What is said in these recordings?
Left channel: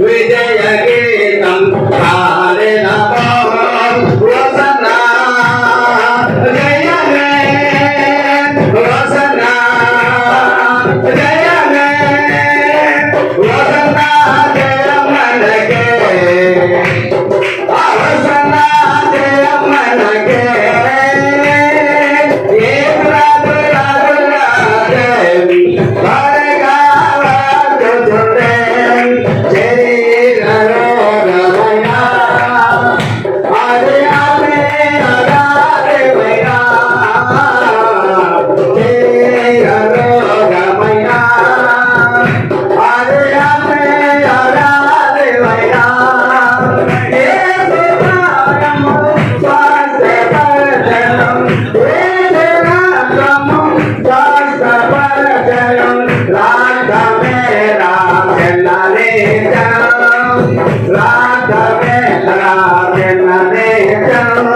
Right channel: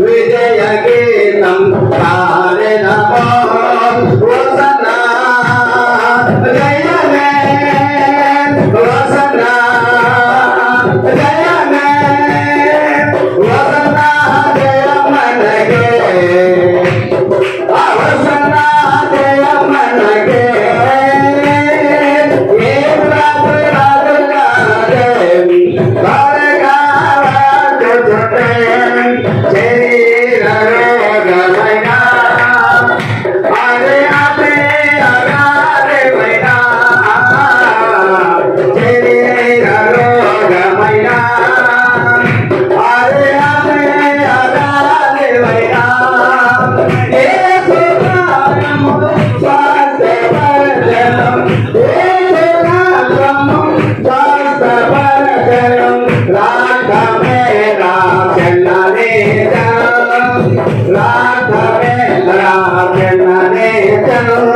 ವಿಜಯಗೆ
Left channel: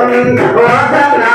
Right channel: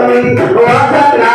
Govinda గోసత్రా